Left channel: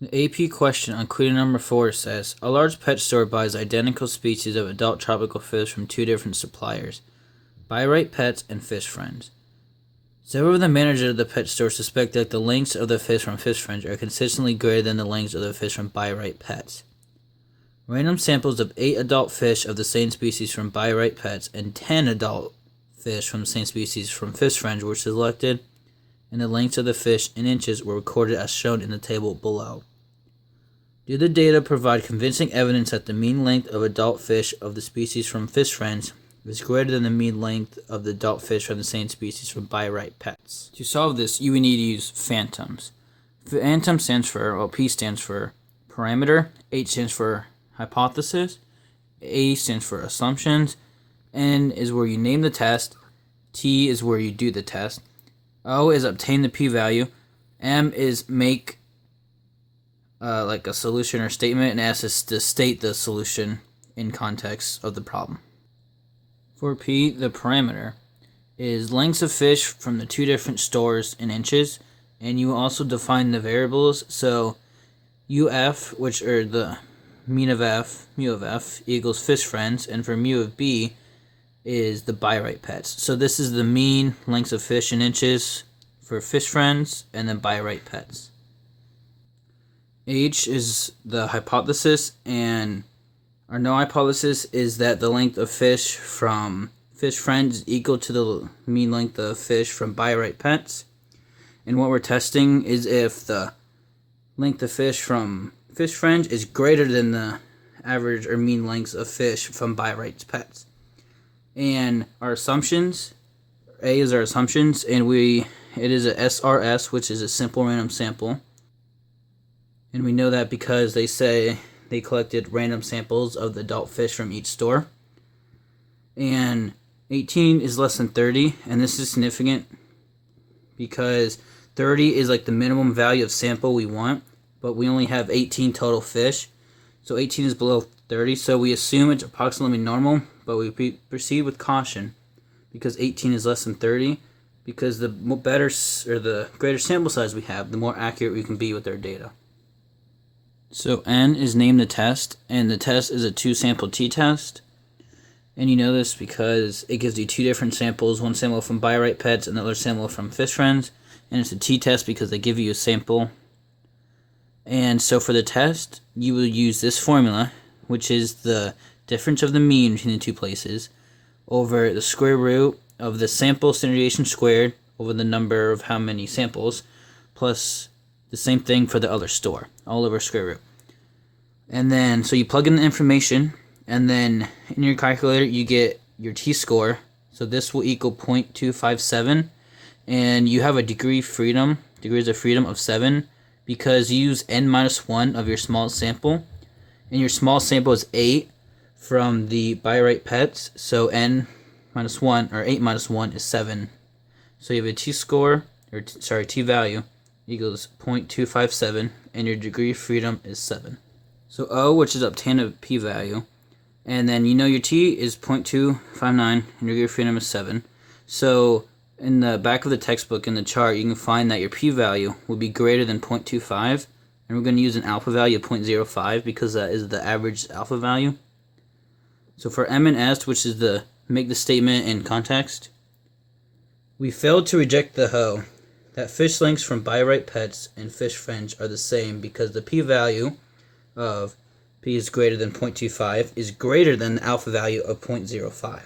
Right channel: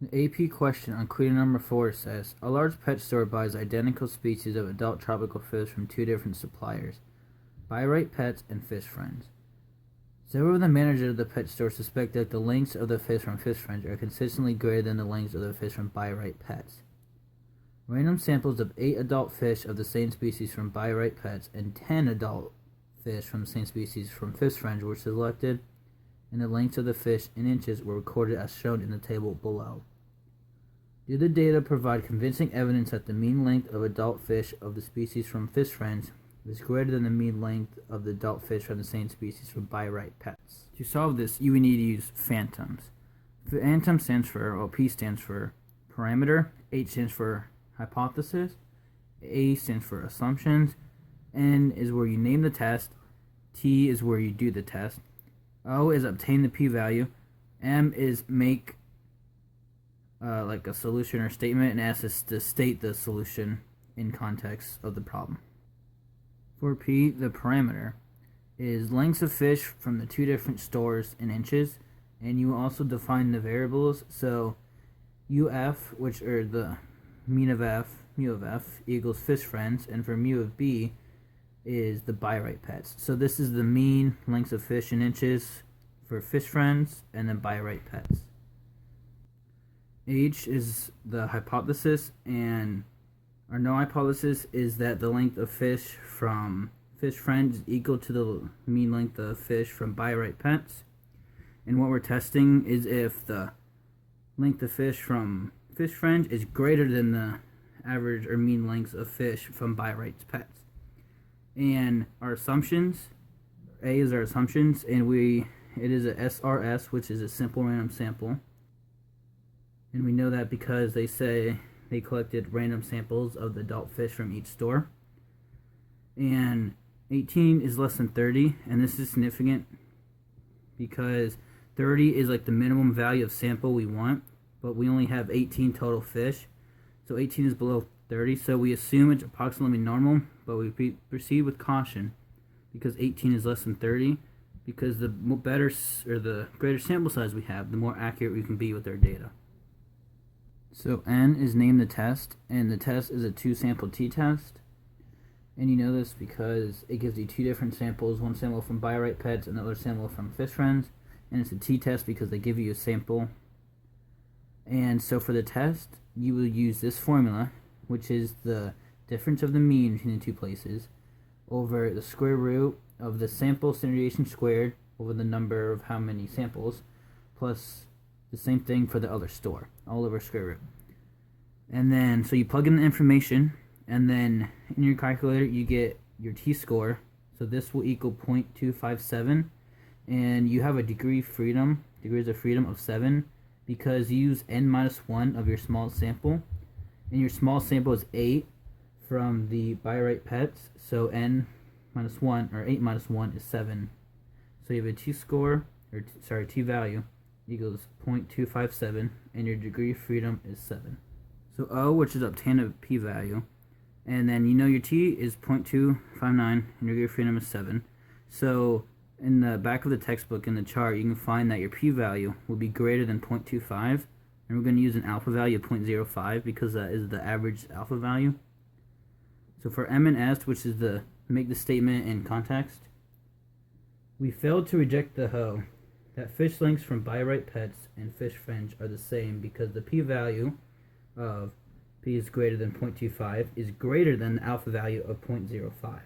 The AP question on Quiedo number 4 says, a large pet store buys identical species of adult tropical fish from two different suppliers, Buy Right Pets and Fish Friends. Several of the managers of the pet store suspect that the lengths of the fish from Fish Friends are consistently greater than the lengths of the fish from Buy Right Pets. Random samples of 8 adult fish of the same species from Buy Right Pets and 10 adult fish from the same species from Fish Friends were selected, and the lengths of the fish in inches were recorded as shown in the table below. Do the data provide convincing evidence that the mean length of adult fish of the species from Fish Friends is greater than the mean length of the adult fish from the same species from Buy Right Pets? To solve this, you would need to use phantoms. Phantom stands for, P stands for parameter, H stands for hypothesis, A stands for assumptions, N is where you name the test, T is where you do the test, O is obtain the p-value, M is make like a solution or statement, and S is to state the solution in context of the problem. For P, the parameter is lengths of fish from the two different stores in inches, and you also define the variables. So UF, which are the mean of F, mu of F, equals Fish Friends, and for mu of B is the Buy Right Pets. So this is the mean lengths of fish in inches for Fish Friends and then Buy Right Pets. H is the hypothesis, and our no hypothesis is that the length of fish from Fish Friends is equal to the mean length of fish from Buy Right Pets. And what we're testing is if the length of fish from Fish Friends is greater than the average or mean lengths of fish from Buy Right Pets. And our assumptions, A is our assumptions, and it is a SRS, which is a simple random sample. And we know that because they say they collected random samples of the adult fish from each store. And 18 is less than 30, and this is significant because 30 is like the minimum value of sample we want, but we only have 18 total fish. So 18 is below 30, so we assume it's approximately normal, but we proceed with caution because 18 is less than 30, because the better or the greater sample size we have, the more accurate we can be with our data. So N is name the test, and the test is a 2-sample t-test. And you know this because it gives you 2 different samples, one sample from Buy Right Pets and another sample from Fish Friends. And it's a t-test because they give you a sample. And so for the test, you will use this formula, which is the difference of the mean between the two places, over the square root of the sample standard deviation squared over the number of how many samples, plus the same thing for the other store, all over square root. And then, so you plug in the information, and then in your calculator, you get your t-score. So this will equal 0.257, and you have a degrees of freedom of 7, because you use n minus 1 of your small sample, and your small sample is 8 from the Buy Right Pets, so n minus 1, or 8 minus 1 is 7. So you have a t-score, or t-value, equals 0.257, and your degree of freedom is 7. So O, which is obtain a p-value, and then you know your t is 0.259, and your degree of freedom is 7. So in the back of the textbook in the chart, you can find that your p-value will be greater than 0.25, and we're going to use an alpha value of 0.05 because that is the average alpha value. So for M and S, which is the make the statement in context, we failed to reject the hoe that fish lengths from Buy Right Pets and Fish Friends are the same because the p-value of p is greater than 0.25 is greater than the alpha value of 0.05.